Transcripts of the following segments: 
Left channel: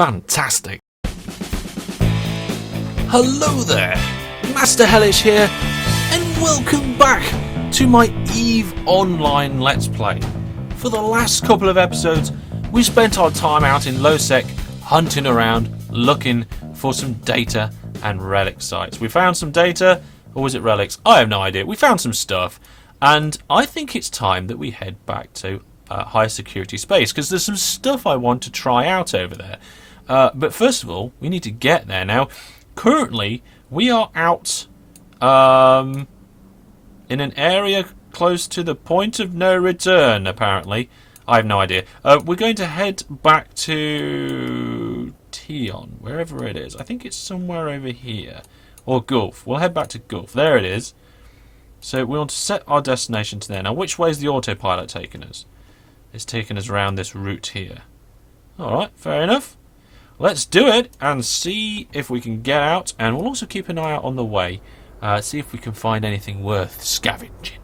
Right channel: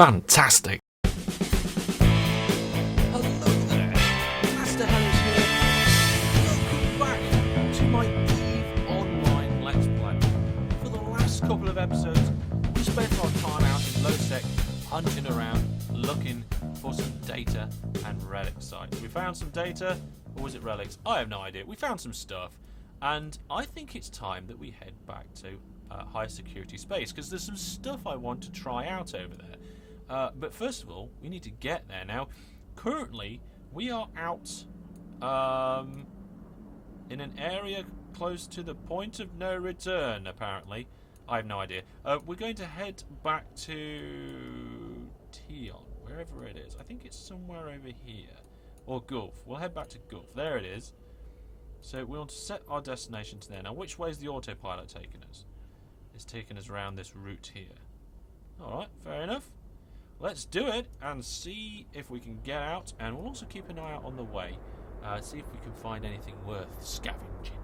Fantastic. Hello there, Master Hellish here, and welcome back to my EVE Online Let's Play. For the last couple of episodes, we spent our time out in low-sec, hunting around, looking for some data and relic sites. We found some data, or was it relics? I have no idea. We found some stuff, and I think it's time that we head back to high security space, because there's some stuff I want to try out over there. But first of all, we need to get there. Now, currently, we are out in an area close to the point of no return, apparently. I have no idea. We're going to head back to Tion, wherever it is. I think it's somewhere over here. Or Gulf. We'll head back to Gulf. There it is. So we want to set our destination to there. Now, which way is the autopilot taking us? It's taking us around this route here. Alright, fair enough. Let's do it and see if we can get out. And we'll also keep an eye out on the way. See if we can find anything worth scavenging.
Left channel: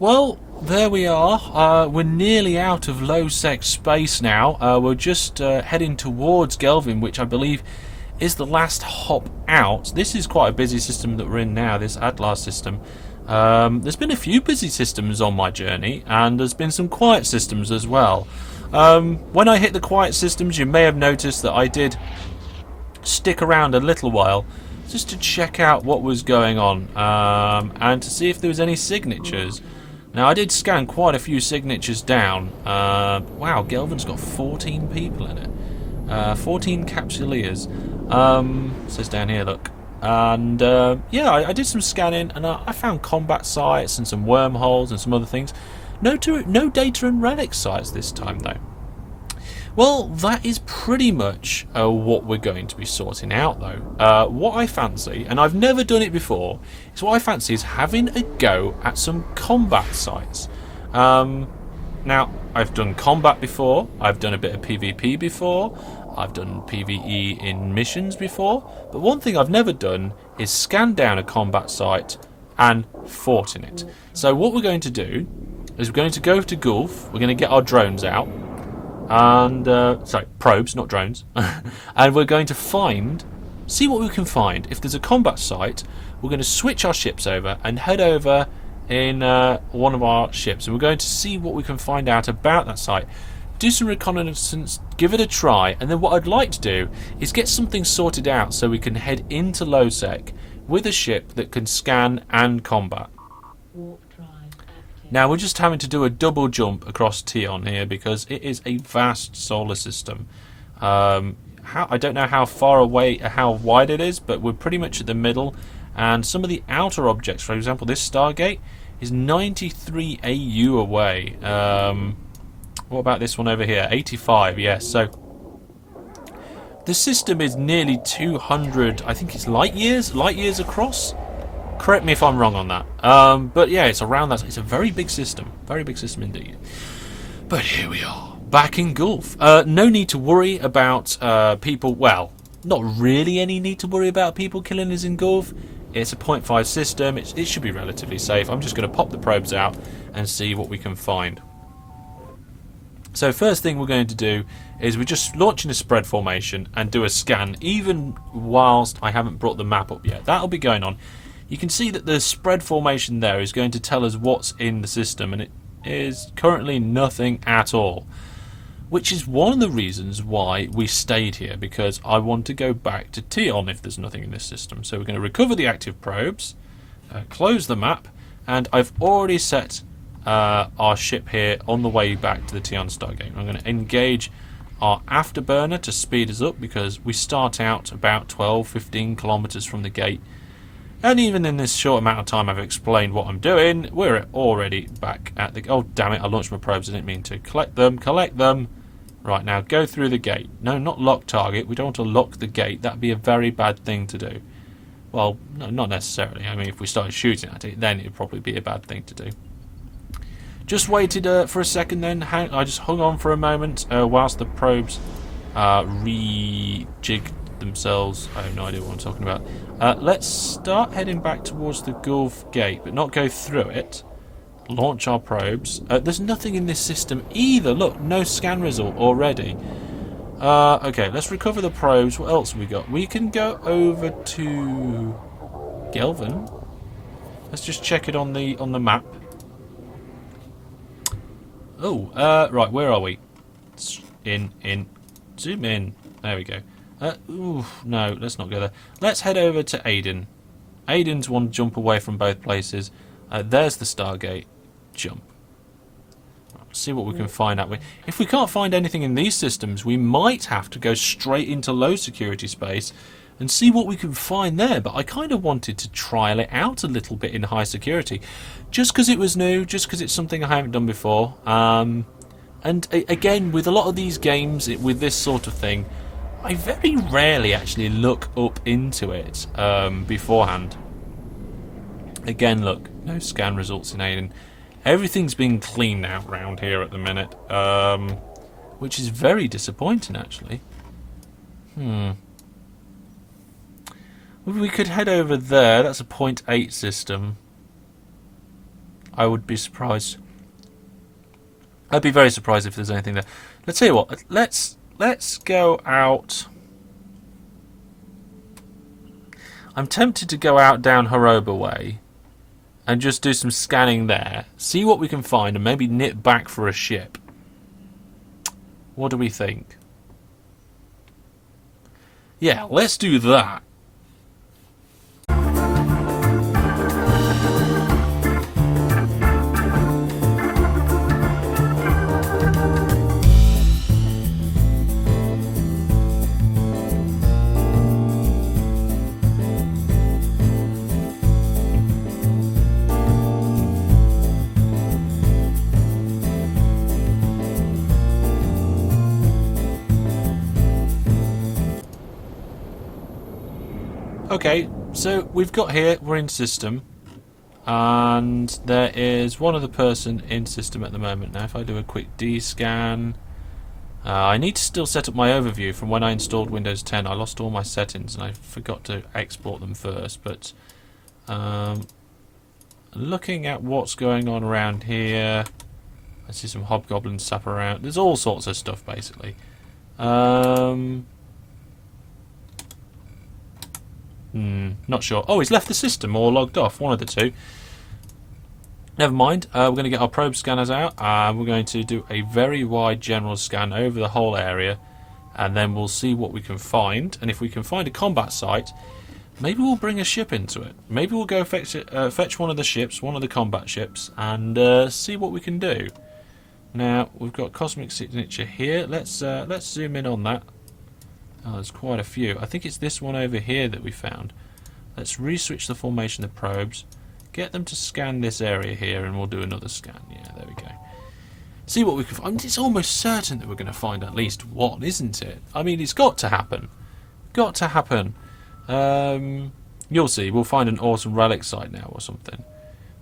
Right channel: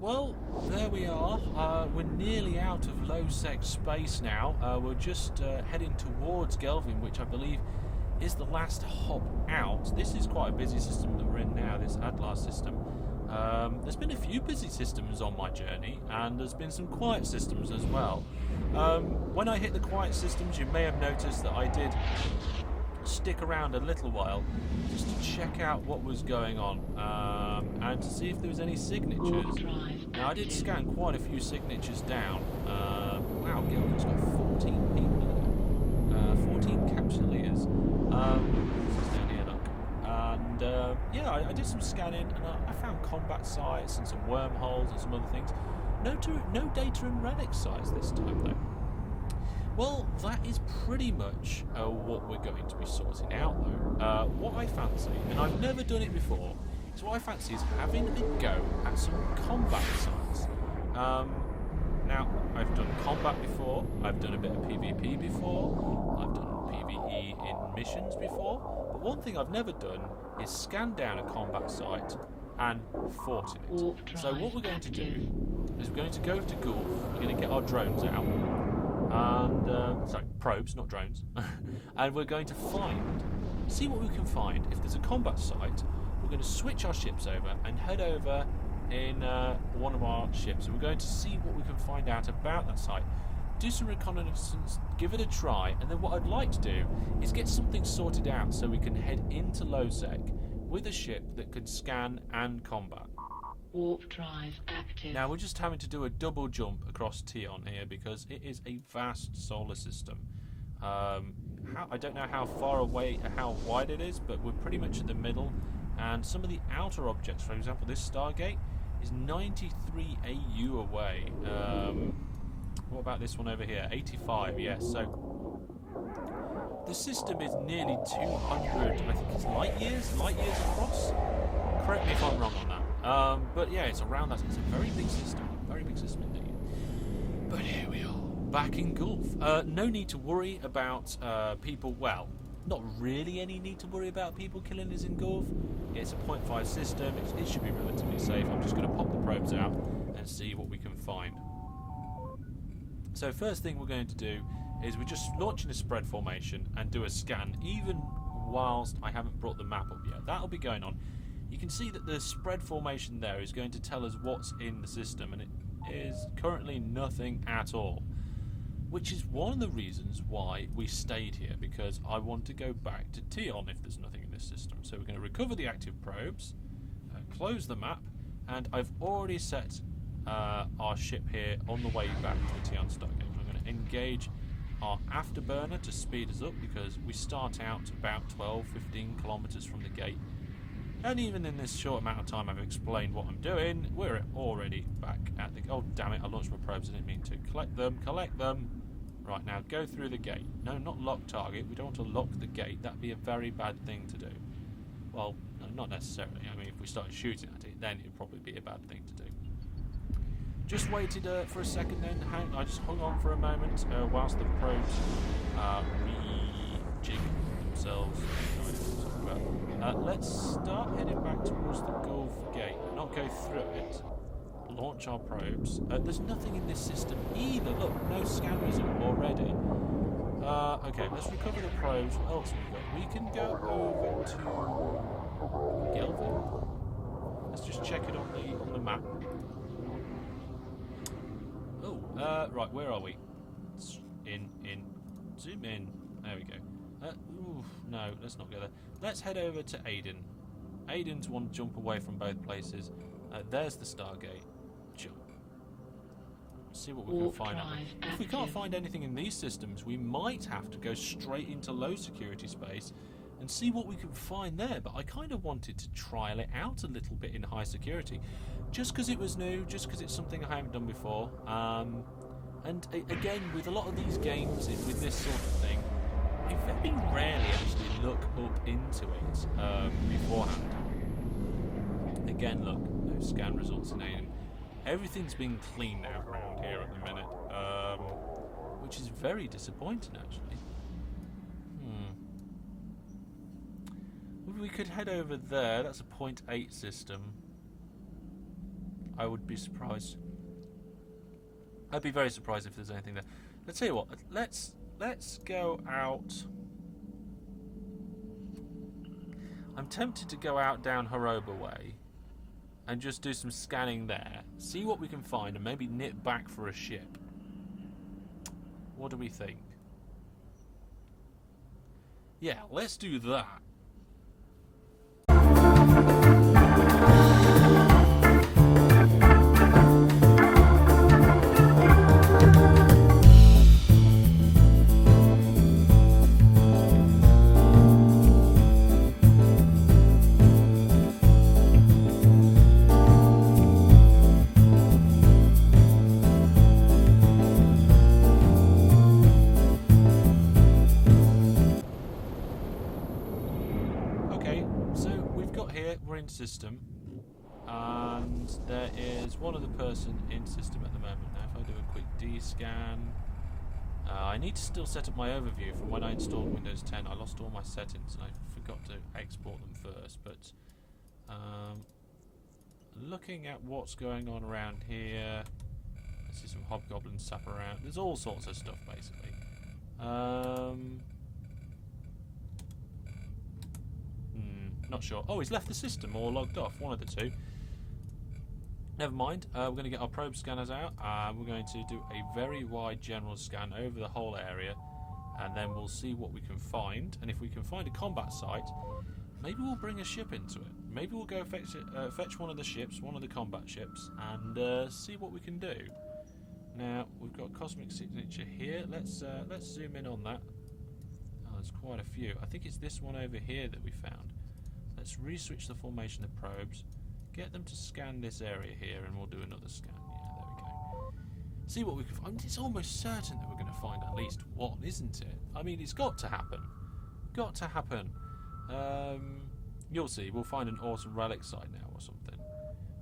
Well, there we are. We're nearly out of low-sec space now. We're just heading towards Gelvin, which I believe is the last hop out. This is quite a busy system that we're in now, this Adlar system. There's been a few busy systems on my journey, and there's been some quiet systems as well. When I hit the quiet systems, you may have noticed that I did stick around a little while just to check out what was going on, and to see if there was any signatures. Now, I did scan quite a few signatures down. Wow, Gelvin's got 14 people in it. 14 capsuleers. It says down here, look. And, yeah, I did some scanning, and I found combat sites and some wormholes and some other things. No data and relic sites this time, though. Well, that is pretty much what we're going to be sorting out, though. What I fancy, and I've never done it before, is what I fancy is having a go at some combat sites. Now, I've done combat before, I've done a bit of PvP before, I've done PvE in missions before, but one thing I've never done is scan down a combat site and fought in it. So what we're going to do is we're going to go to Gulf, we're going to get our drones out, and sorry, probes, not drones, and we're going to see what we can find. If there's a combat site, we're going to switch our ships over and head over in one of our ships, and we're going to see what we can find out about that site, do some reconnaissance, give it a try, and then what I'd like to do is get something sorted out so we can head into low-sec with a ship that can scan and combat. Warp drive active. Now, we're just having to do a double jump across Tion here because it is a vast solar system. I don't know how far away, how wide it is, but we're pretty much at the middle. And some of the outer objects, for example, this Stargate is 93 AU away. What about this one over here? 85, yes. So the system is nearly 200, I think it's light years across. Correct me if I'm wrong on that. But yeah, it's around that. It's a very big system indeed. But here we are, back in Gulf. No need to worry about people. Well, not really any need to worry about people killing us in Gulf. It's a 0.5 system. It should be relatively safe. I'm just going to pop the probes out and see what we can find. So first thing we're going to do is we're just launching a spread formation and do a scan, even whilst I haven't brought the map up yet. That'll be going on. You can see that the spread formation there is going to tell us what's in the system, and it is currently nothing at all. Which is one of the reasons why we stayed here, because I want to go back to Tion if there's nothing in this system. So we're going to recover the active probes, close the map, and I've already set our ship here on the way back to the Tion Stargate. I'm going to engage our afterburner to speed us up, because we start out about 12-15 kilometers from the gate, and even in this short amount of time I've explained what I'm doing, we're already back at the... Oh damn it, I launched my probes, I didn't mean to. Collect them. Right, now go through the gate. No, not lock target, we don't want to lock the gate, that'd be a very bad thing to do. Well, no, not necessarily. I mean, if we started shooting at it, then it'd probably be a bad thing to do. Just waited for a second then. I just hung on for a moment whilst the probes rejigged themselves. I have no idea what I'm talking about. Let's start heading back towards the Gulf Gate, but not go through it. Launch our probes. There's nothing in this system either. Look, no scan result already. Okay, let's recover the probes. What else have we got? We can go over to Gelvin. Let's just check it on the map. Oh, right, where are we? Zoom in. There we go. Ooh, no, let's not go there. Let's head over to Aiden. Aiden's one jump away from both places. There's the Stargate. Jump. See what we can find out. If we can't find anything in these systems, we might have to go straight into low security space and see what we can find there. But I kind of wanted to trial it out a little bit in high security, just because it was new, just because it's something I haven't done before. And again, with a lot of these games, with this sort of thing, I very rarely actually look up into it beforehand. Again, look, no scan results in Aiden. Everything's been cleaned out round here at the minute, which is very disappointing, actually. We could head over there. That's a 0.8 system. I would be surprised. I'd be very surprised if there's anything there. Let's tell you what. Let's go out. I'm tempted to go out down Haroba way and just do some scanning there, see what we can find, and maybe nip back for a ship. What do we think? Yeah, let's do that. Okay, so we've got here, we're in system, and there is one other person in system at the moment. Now if I do a quick D-scan, I need to still set up my overview from when I installed Windows 10. I lost all my settings and I forgot to export them first, but looking at what's going on around here, I see some hobgoblins sap around. There's all sorts of stuff basically. Not sure. Oh, he's left the system or logged off. One of the two. Never mind. We're going to get our probe scanners out. We're going to do a very wide general scan over the whole area, and then we'll see what we can find. And if we can find a combat site, maybe we'll bring a ship into it. Maybe we'll go fetch one of the ships, one of the combat ships, and see what we can do. Now we've got cosmic signature here. Let's zoom in on that. Oh, there's quite a few. I think it's this one over here that we found. Let's re-switch the formation of the probes, get them to scan this area here, and we'll do another scan. Yeah, there we go. See what we can find. It's almost certain that we're going to find at least one, isn't it? I mean, it's got to happen. Got to happen. You'll see. We'll find an awesome relic site now or something.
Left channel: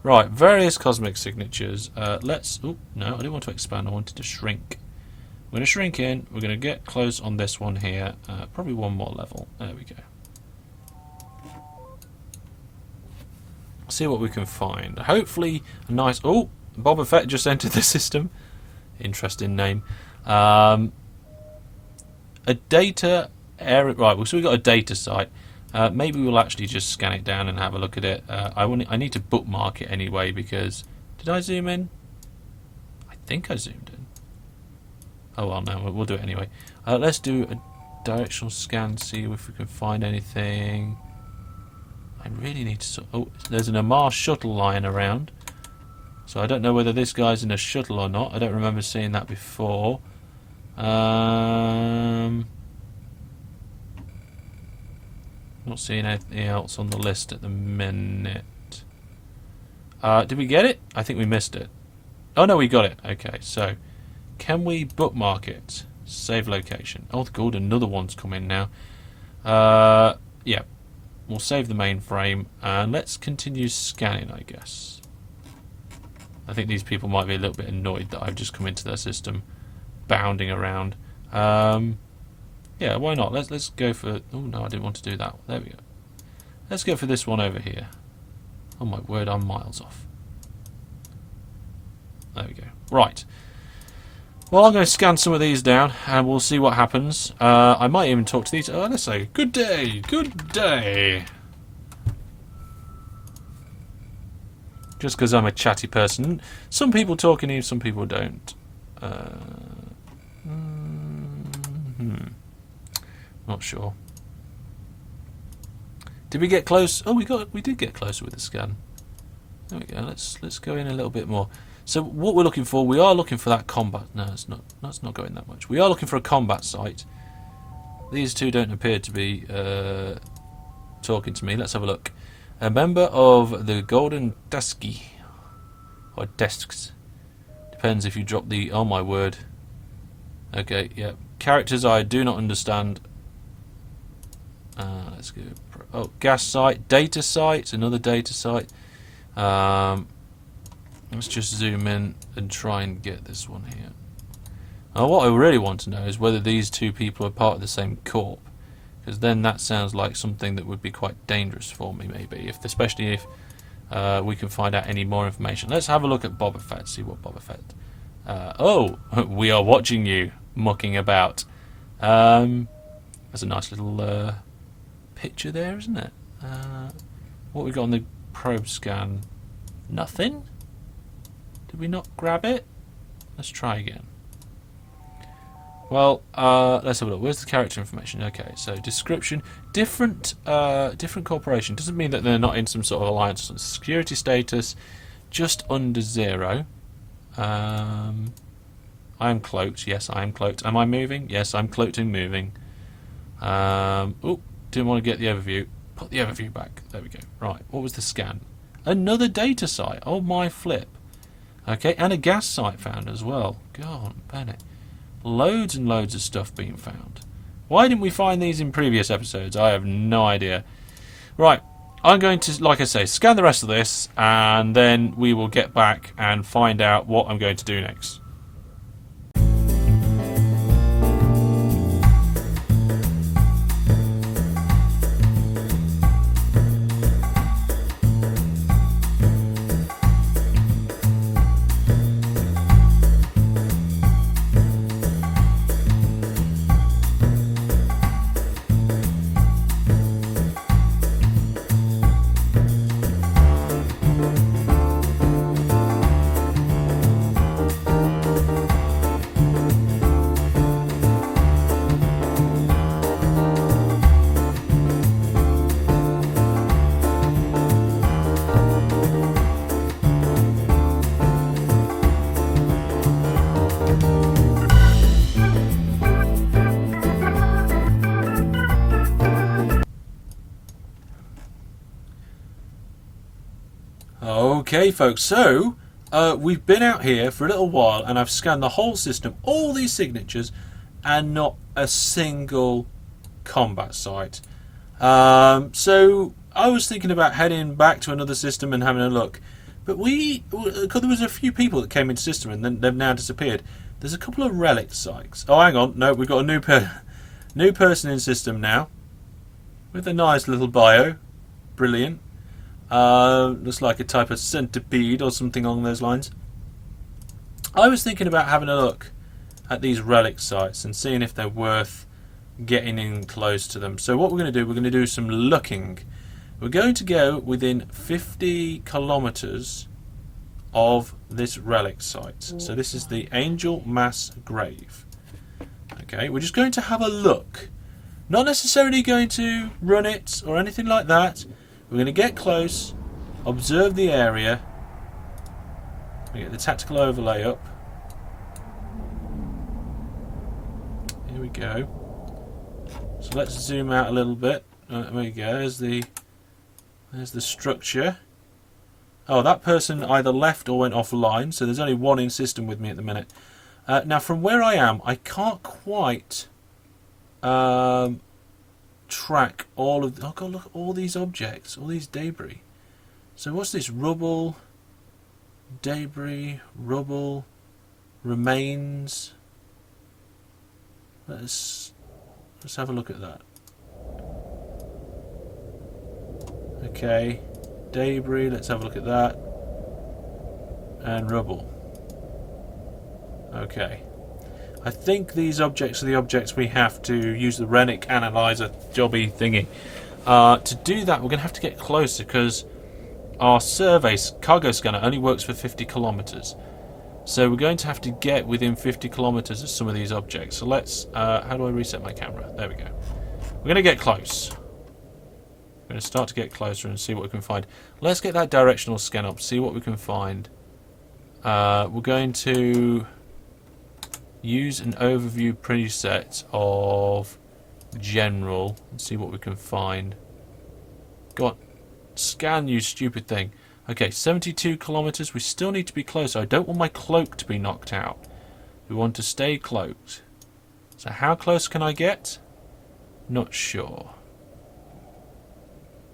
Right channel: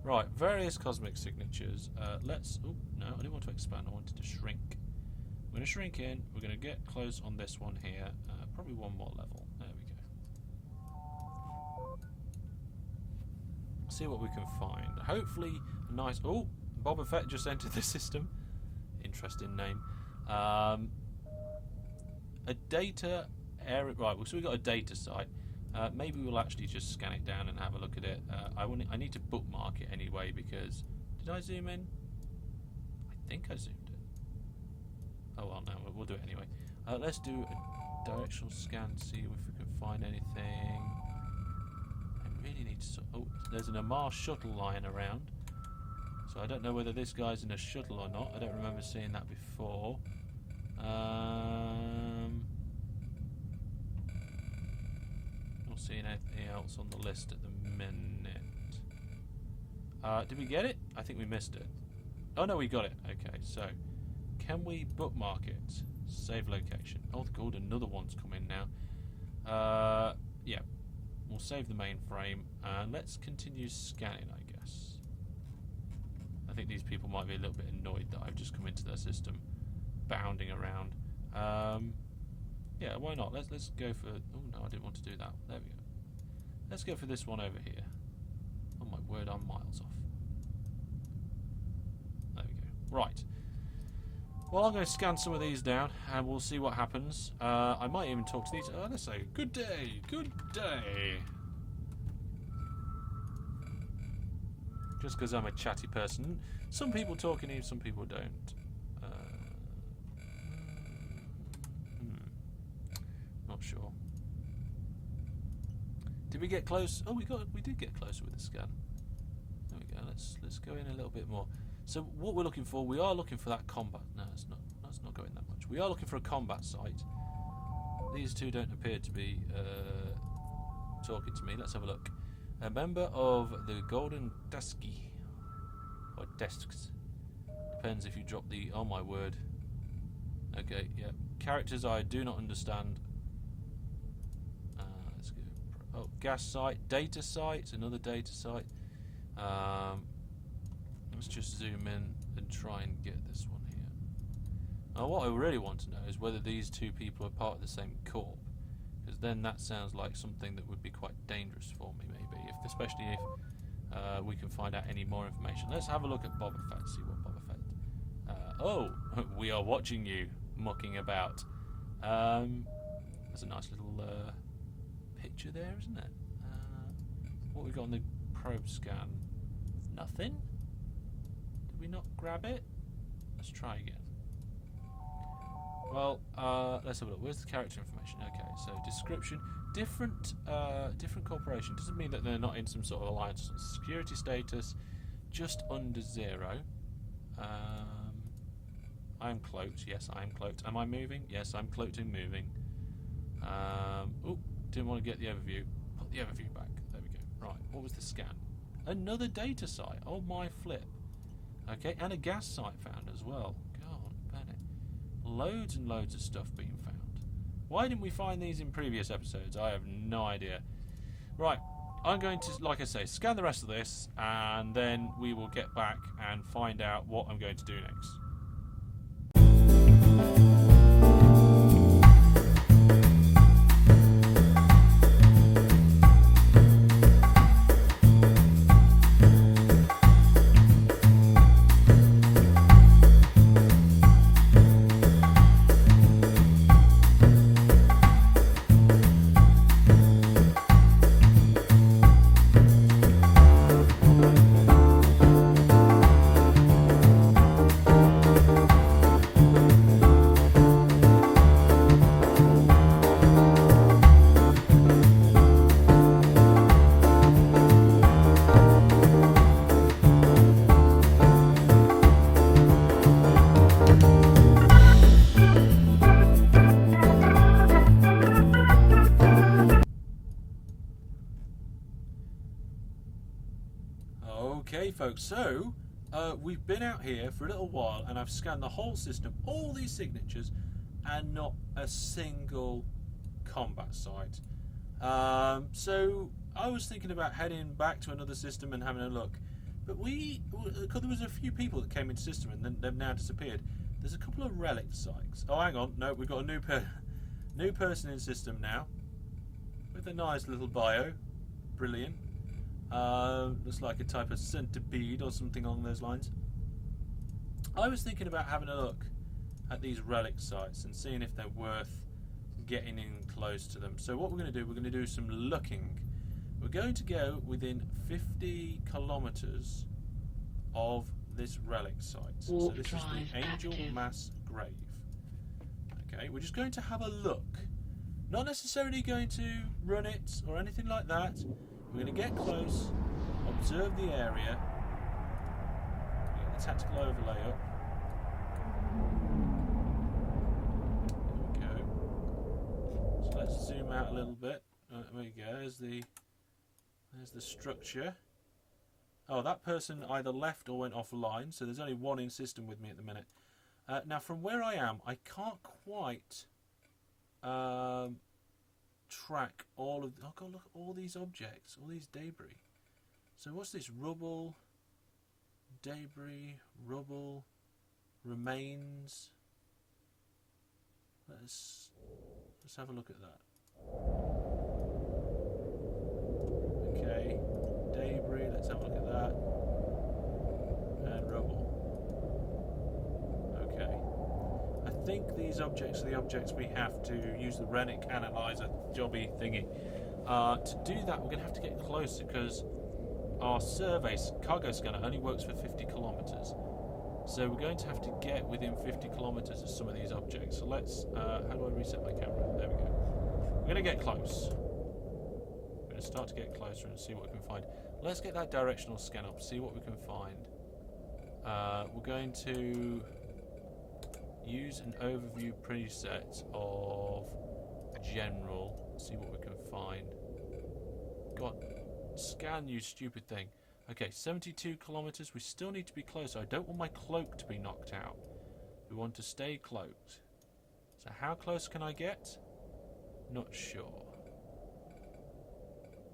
Right, various cosmic signatures. Let's... Oh, no, I didn't want to expand. I wanted to shrink. We're going to shrink in. We're going to get close on this one here. Probably one more level. There we go. See what we can find. Hopefully a nice... Oh, Boba Fett just entered the system. Interesting name. A data area, right? So we got a data site. Maybe we'll actually just scan it down and have a look at it. I need to bookmark it anyway because did I zoom in? I think I zoomed in. Oh well, no, we'll do it anyway. Let's do a directional scan, see if we can find anything. I really need to. Oh, there's an Amar shuttle lying around. So I don't know whether this guy's in a shuttle or not. I don't remember seeing that before. Not seeing anything else on the list at the minute. Did we get it? I think we missed it. Oh no, we got it. Okay, so can we bookmark it? Save location. Oh good, another one's come in now. Yeah. We'll save the mainframe and let's continue scanning, I guess. I think these people might be a little bit annoyed that I've just come into their system, bounding around. Yeah, why not? Let's go for. Oh no, I didn't want to do that. There we go. Let's go for this one over here. Oh my word, I'm miles off. There we go. Right. Well, I'm going to scan some of these down, and we'll see what happens. I might even talk to these. Let's say, good day, good day. Just because I'm a chatty person. Some people talk in here, some people don't. Not sure. Did we get close? Oh, we did get closer with the scan. There we go. Let's go in a little bit more. So what we're looking for, we are looking for that combat. No, it's not. That's not going that much. We are looking for a combat site. These two don't appear to be talking to me. Let's have a look. A member of the Golden Dusky or Desks. Depends if you drop the. Oh my word. Okay, yeah. Characters I do not understand. Let's go. Oh, gas site, data site, another data site. Let's just zoom in and try and get this one here. Now, what I really want to know is whether these two people are part of the same corp, because then that sounds like something that would be quite dangerous for me, maybe, especially if we can find out any more information. Let's have a look at Boba Fett, see what Boba Fett. Oh, we are watching you mucking about. There's a nice little picture there, isn't it? What we got on the probe scan? Nothing? Did we not grab it? Let's try again. Well, let's have a look. Where's the character information? Okay, so description, different corporation. Doesn't mean that they're not in some sort of alliance. Security status, just under 0. I am cloaked. Yes, I am cloaked. Am I moving? Yes, I'm cloaked and moving. Oh, didn't want to get the overview. Put the overview back. There we go. Right, what was the scan? Another data site. Oh my flip. Okay, and a gas site found as well. God, Bennett. Loads and loads of stuff being found. Why didn't we find these in previous episodes? I have no idea. Right, I'm going to, like I say, scan the rest of this, and then we will get back and find out what I'm going to do next. Okay folks, so we've been out here for a little while and I've scanned the whole system, all these signatures, and not a single combat site. So I was thinking about heading back to another system and having a look, but because there was a few people that came into the system and then they've now disappeared. There's a couple of relic sites. Oh hang on, no, we've got a new person in system now with a nice little bio. Brilliant. Looks like a type of centipede or something along those lines. I was thinking about having a look at these relic sites and seeing if they're worth getting in close to them. So what we're going to do, we're going to do some looking. We're going to go within 50 kilometers of this relic site. So this is the Angel Mass Grave. Okay, we're just going to have a look. Not necessarily going to run it or anything like that. We're going to get close, observe the area. We get the tactical overlay up. Here we go. So let's zoom out a little bit. There we go. There's the structure. Oh, that person either left or went offline, so there's only one in system with me at the minute. Now, from where I am, I can't quite track all of... Oh, God, look at all these objects, all these debris. So what's this? Rubble, debris, rubble, remains. Let's have a look at that. Okay, debris, let's have a look at that. And rubble. Okay. I think these objects are the objects we have to use the Rennick analyzer jobby thingy. To do that, we're going to have to get closer because our survey cargo scanner only works for 50 kilometers. So we're going to have to get within 50 kilometers of some of these objects. So let's... how do I reset my camera? There we go. We're going to get close. We're going to start to get closer and see what we can find. Let's get that directional scan up, see what we can find. We're going to use an overview preset of general and see what we can find. Go on, scan, you stupid thing. Okay, 72 kilometers. We still need to be closer. I don't want my cloak to be knocked out. We want to stay cloaked. So how close can I get? Not sure.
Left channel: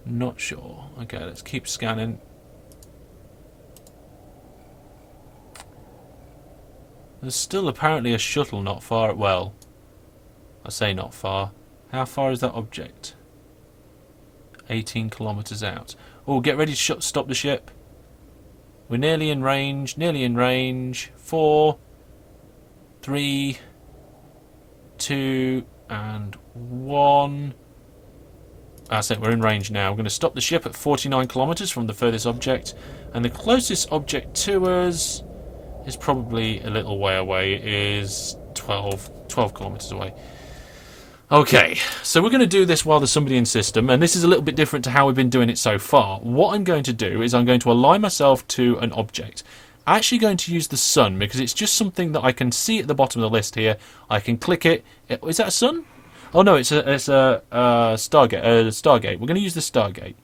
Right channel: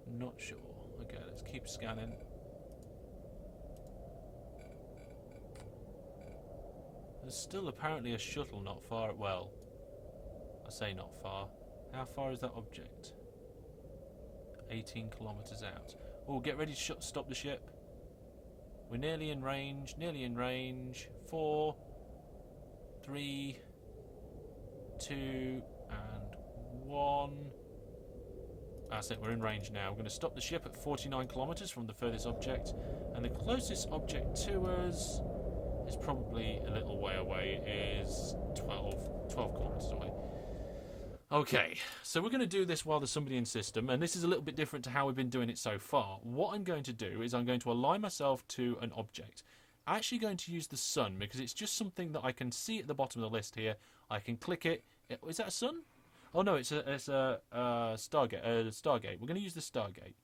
Not sure. Okay, let's keep scanning. There's still apparently a shuttle not far. Well, I say not far. How far is that object? 18 kilometers out. Oh, get ready to stop the ship. We're nearly in range. Nearly in range. 4, 3, 2, and 1. That's it, we're in range now. We're going to stop the ship at 49 kilometers from the furthest object. And the closest object to us is probably a little way away. It is 12 kilometers away. Okay, so we're going to do this while there's somebody in system, and this is a little bit different to how we've been doing it so far. What I'm going to do is I'm going to align myself to an object. I'm actually going to use the sun because it's just something that I can see at the bottom of the list here. I can click it. Is that a sun? Oh no, it's a Stargate. Stargate. We're going to use the Stargate.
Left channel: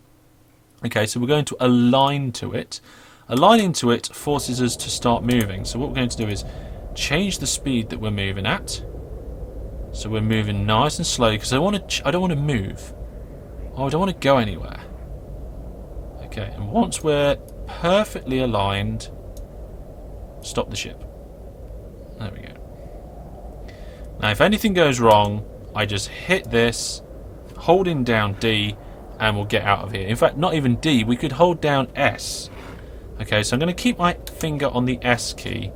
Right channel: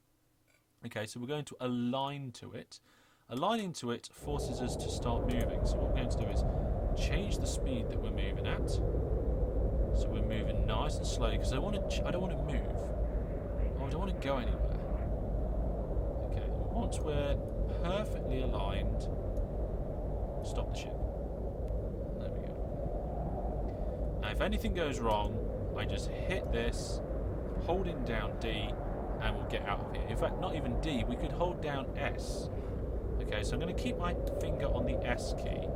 Okay, so we're going to align to it. Aligning to it forces us to start moving. So what we're going to do is change the speed that we're moving at. So we're moving nice and slowly because I don't want to move. Oh, I don't want to go anywhere. Okay, and once we're perfectly aligned, stop the ship. There we go. Now, if anything goes wrong, I just hit this, holding down D, and we'll get out of here. In fact, not even D. We could hold down S. Okay, so I'm going to keep my finger on the S key.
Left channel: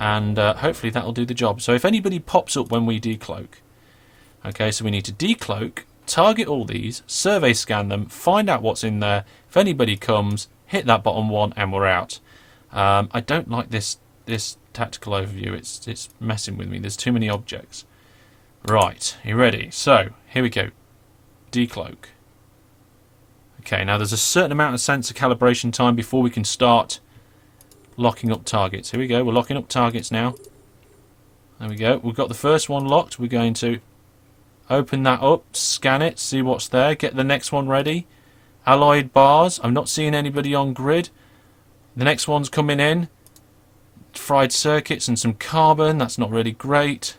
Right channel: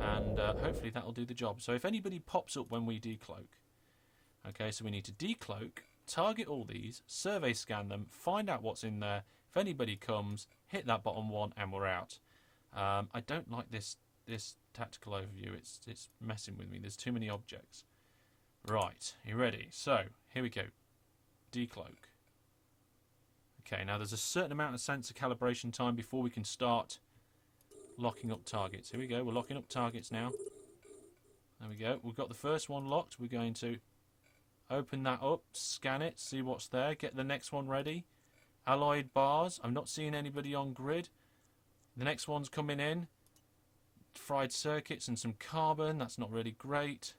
And hopefully that'll do the job. So if anybody pops up when we decloak. Okay, so we need to decloak, target all these, survey scan them, find out what's in there. If anybody comes, hit that bottom one and we're out. I don't like this tactical overview. It's messing with me. There's too many objects. Right, you ready? So, here we go. Decloak. Okay, now there's a certain amount of sensor calibration time before we can start locking up targets. Here we go, we're locking up targets now. There we go, we've got the first one locked. We're going to open that up, scan it, see what's there, get the next one ready. Alloyed bars, I'm not seeing anybody on grid. The next one's coming in. Fried circuits and some carbon, that's not really great.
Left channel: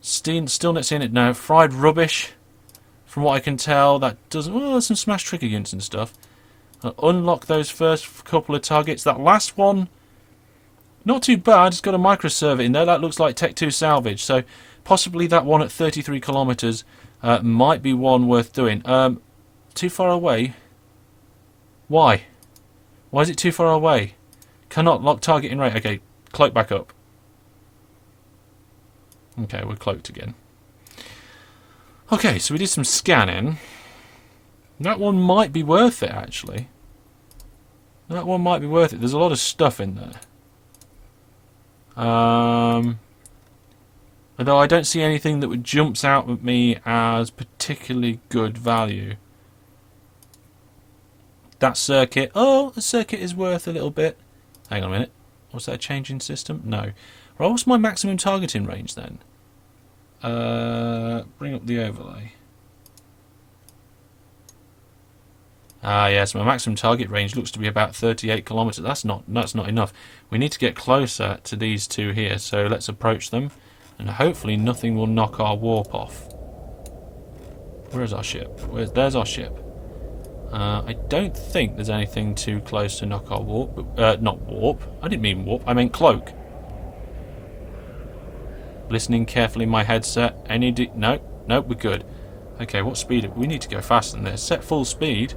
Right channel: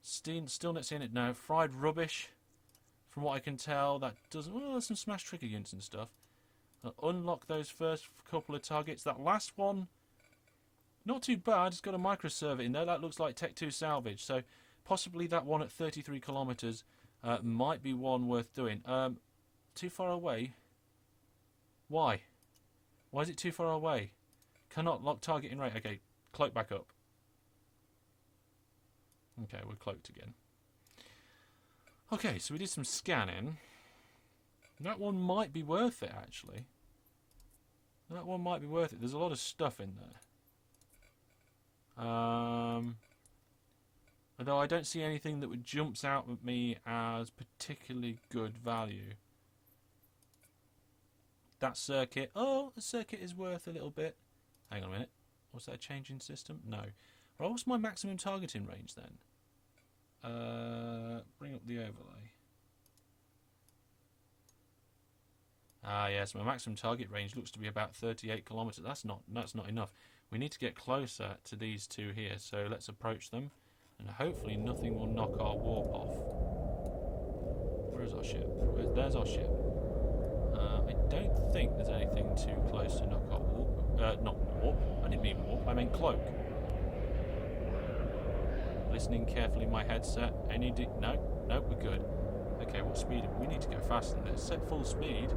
Still not seeing it now. Fried rubbish, from what I can tell. That doesn't... Oh, there's some smash trigger units and stuff. Unlock those first couple of targets. That last one, not too bad. It's got a microserver in there. That looks like Tech 2 salvage. So possibly that one at 33 kilometers might be one worth doing. Too far away? Why? Why is it too far away? Cannot lock target in range. Okay, cloak back up. Okay, we're cloaked again. Okay, so we did some scanning. That one might be worth it, actually. That one might be worth it. There's a lot of stuff in there. Although I don't see anything that jumps out at me as particularly good value. That circuit. Oh, the circuit is worth a little bit. Hang on a minute. Was that a changing system? No. Right, what's my maximum targeting range then? Bring up the overlay. Ah, yes, my maximum target range looks to be about 38 kilometers. That's not enough. We need to get closer to these two here, so let's approach them, and hopefully nothing will knock our warp off. Where's our ship? There's our ship. I don't think there's anything too close to knock our warp. Not warp. I didn't mean warp. I meant cloak. Listening carefully in my headset. No, we're good. Okay, what speed? We need to go faster than this. Set full speed.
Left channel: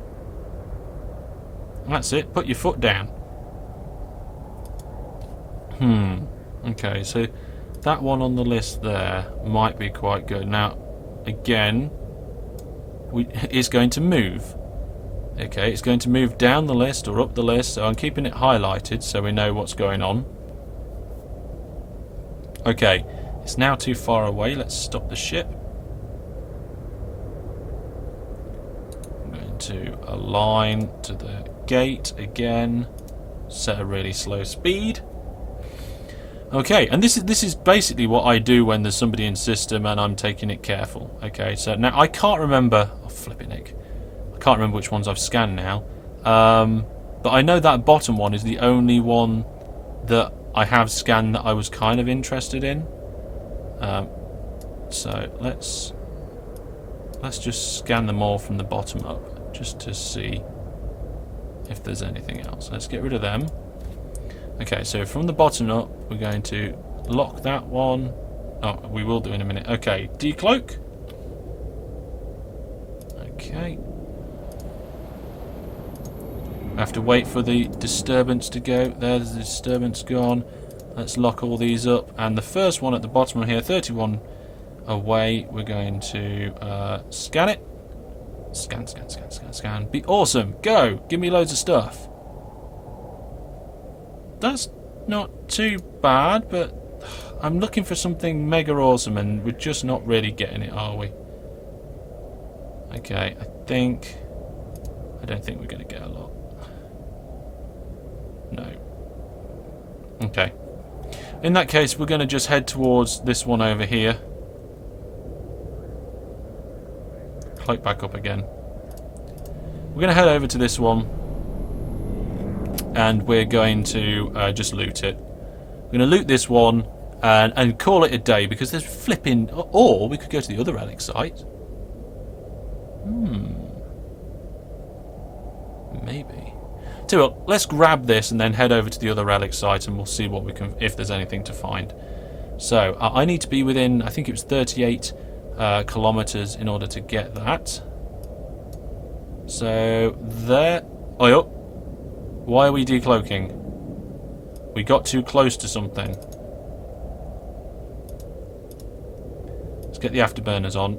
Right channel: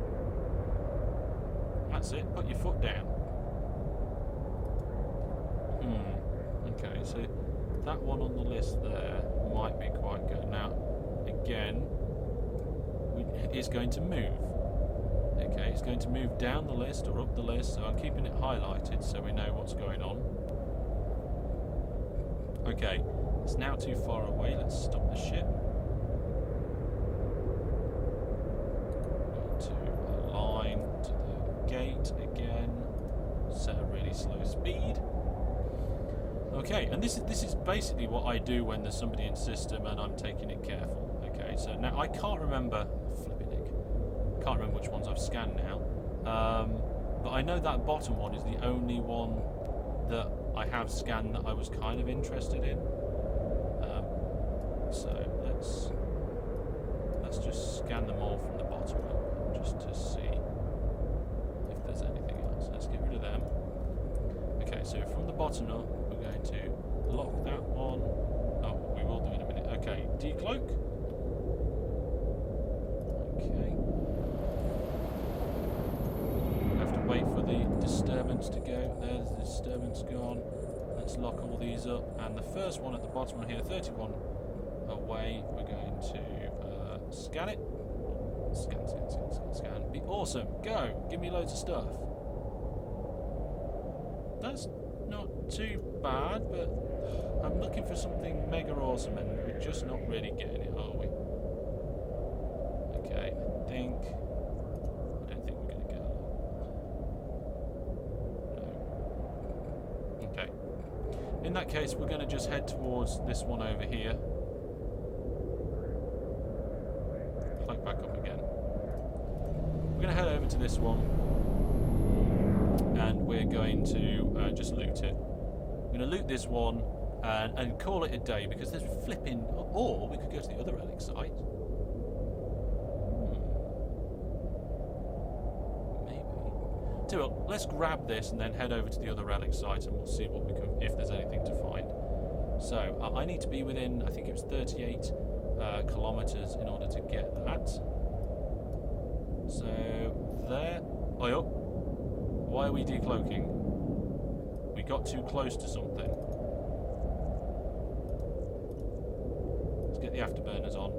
That's it. Put your foot down. Okay, so that one on the list there might be quite good. Now, again, it's going to move. Okay, it's going to move down the list or up the list, so I'm keeping it highlighted so we know what's going on. Okay, it's now too far away. Let's stop the ship. I'm going to align to the gate again. Set a really slow speed. Okay, and this is basically what I do when there's somebody in system and I'm taking it careful. Okay, so now I can't remember. Oh, flipping Nick. I can't remember which ones I've scanned now. But I know that bottom one is the only one that I have scanned that I was kind of interested in. So let's just scan them all from the bottom up, just to see if there's anything else. Let's get rid of them. Okay, so from the bottom up, we're going to lock that one. Oh, we will do in a minute. Okay, decloak. Okay. We have to wait for the disturbance to go. There's the disturbance gone. Let's lock all these up. And the first one at the bottom here, 31 away, we're going to scan it. Scan. Be awesome. Go. Give me loads of stuff. That's not too bad, but I'm looking for something mega awesome and we're just not really getting it, are we? Okay, I don't think we're going to get a lot. No. Okay. In that case, we're going to just head towards this one over here. Cloak back up again. We're going to head over to this one. And we're going to just loot it. We're going to loot this one and call it a day because there's flipping... Or we could go to the other relic site. Maybe. Tell you what, let's grab this and then head over to the other relic site and we'll see what we can, if there's anything to find. So, I need to be within, I think it was 38 kilometers in order to get that. So, there... Oh, yep. Why are we decloaking? We got too close to something. Let's get the afterburners on.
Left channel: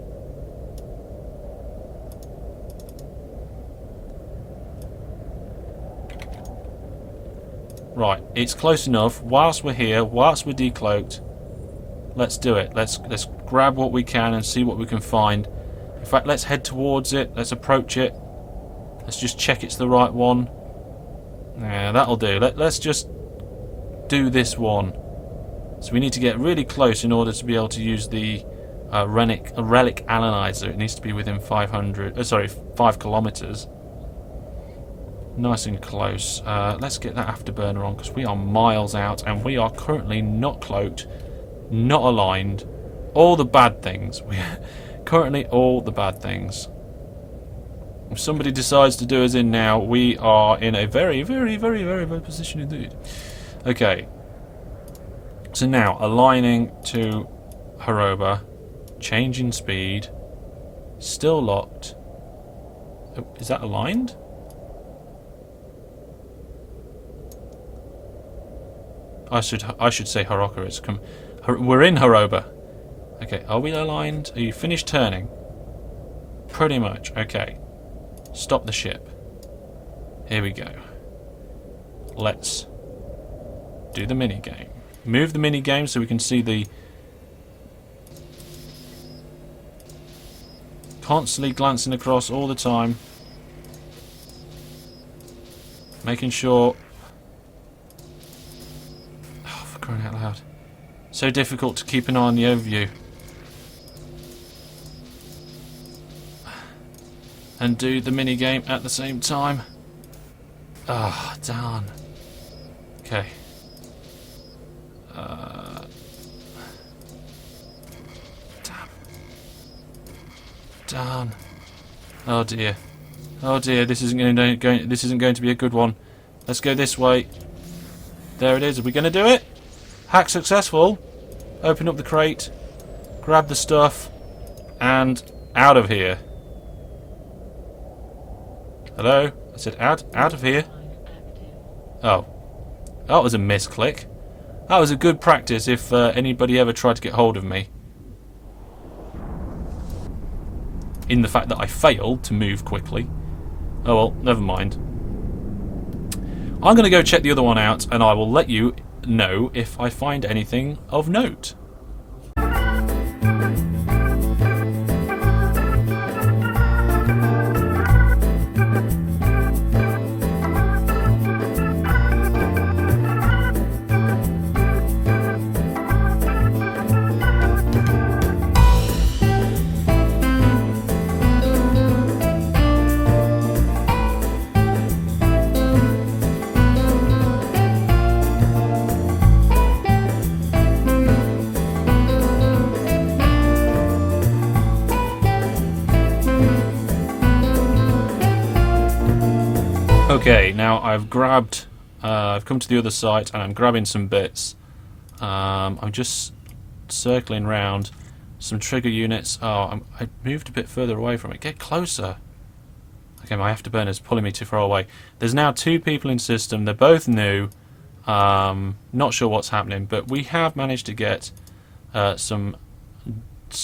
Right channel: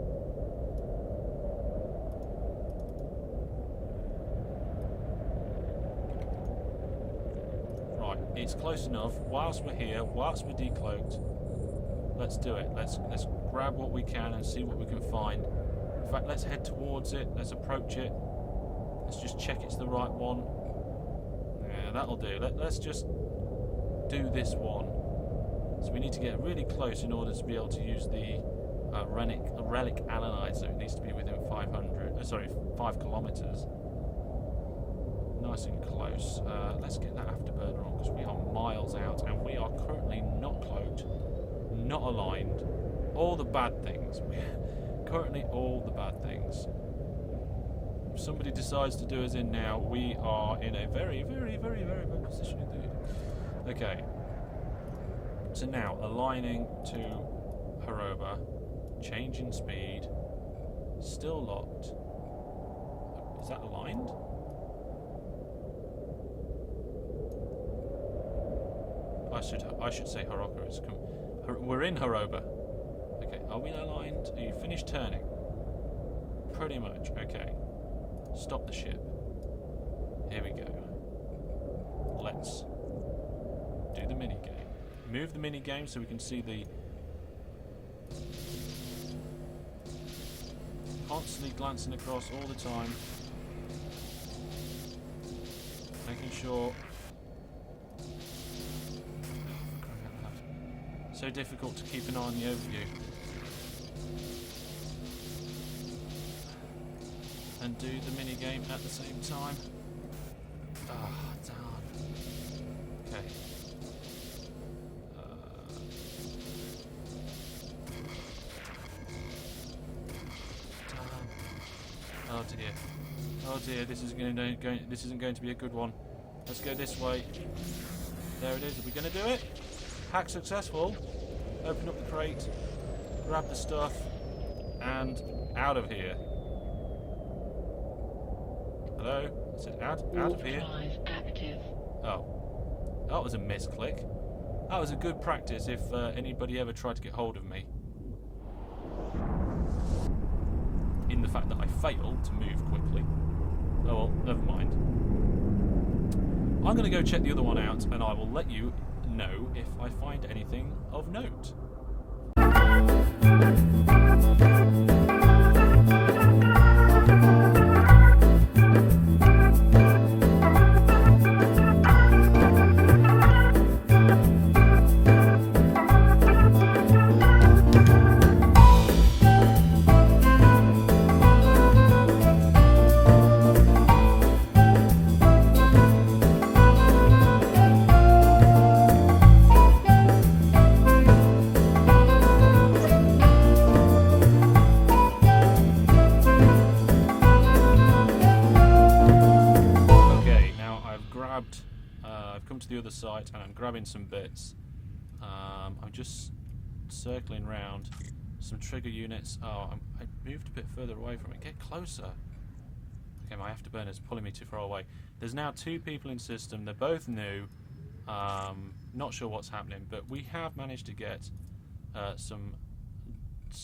Right, it's close enough. Whilst we're here, whilst we're decloaked, let's do it. Let's grab what we can and see what we can find. In fact, let's head towards it. Let's approach it. Let's just check it's the right one. Yeah, that'll do. Let's just do this one. So we need to get really close in order to be able to use the relic analyzer. It needs to be within 5 kilometers. Nice and close. Let's get that afterburner on because we are miles out and we are currently not cloaked, not aligned. All the bad things. Currently all the bad things. If somebody decides to do us in now, we are in a very, very, very, very bad position indeed. Okay. So now, aligning to Haroba, changing speed, still locked. Oh, is that aligned? I should say Haroka. We're in Haroba. Okay, are we aligned? Are you finished turning? Pretty much. Okay. Stop the ship. Here we go. Let's do the minigame. Move the minigame so we can see the... Constantly glancing across all the time. Making sure... Oh, for crying out loud. So difficult to keep an eye on the overview. And do the minigame at the same time. Ah, darn. Okay. Damn. Oh dear. Oh dear. This isn't going to be a good one. Let's go this way. There it is. Are we going to do it? Hack successful. Open up the crate. Grab the stuff. And out of here. Hello? I said out of here. Oh. That was a misclick. That was a good practice if anybody ever tried to get hold of me. In the fact that I failed to move quickly. Oh well, never mind. I'm going to go check the other one out and I will let you know if I find anything of note. I've come to the other site and I'm grabbing some bits. I'm just circling round some trigger units. Oh, I moved a bit further away from it. Get closer. Okay, my afterburner's pulling me too far away. There's now 2 people in system. They're both new. Not sure what's happening, but we have managed to get some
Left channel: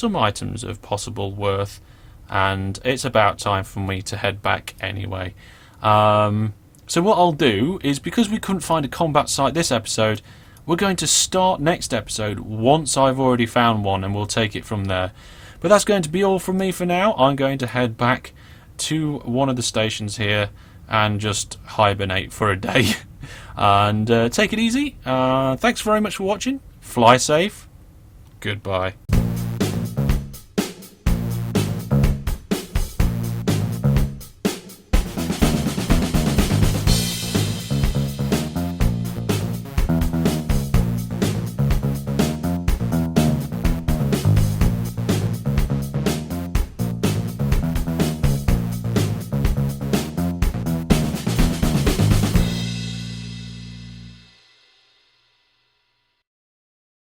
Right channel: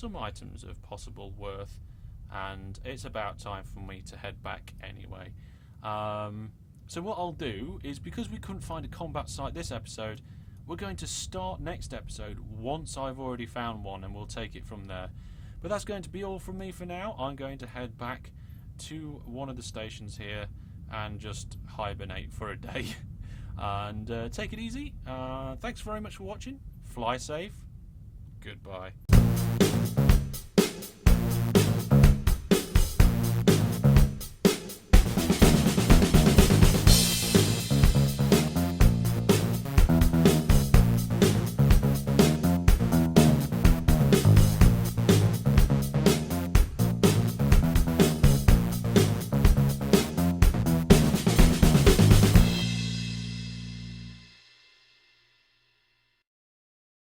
items of possible worth, and it's about time for me to head back anyway. So what I'll do is, because we couldn't find a combat site this episode, we're going to start next episode once I've already found one, and we'll take it from there. But that's going to be all from me for now. I'm going to head back to one of the stations here and just hibernate for a day. And take it easy. Thanks very much for watching. Fly safe. Goodbye.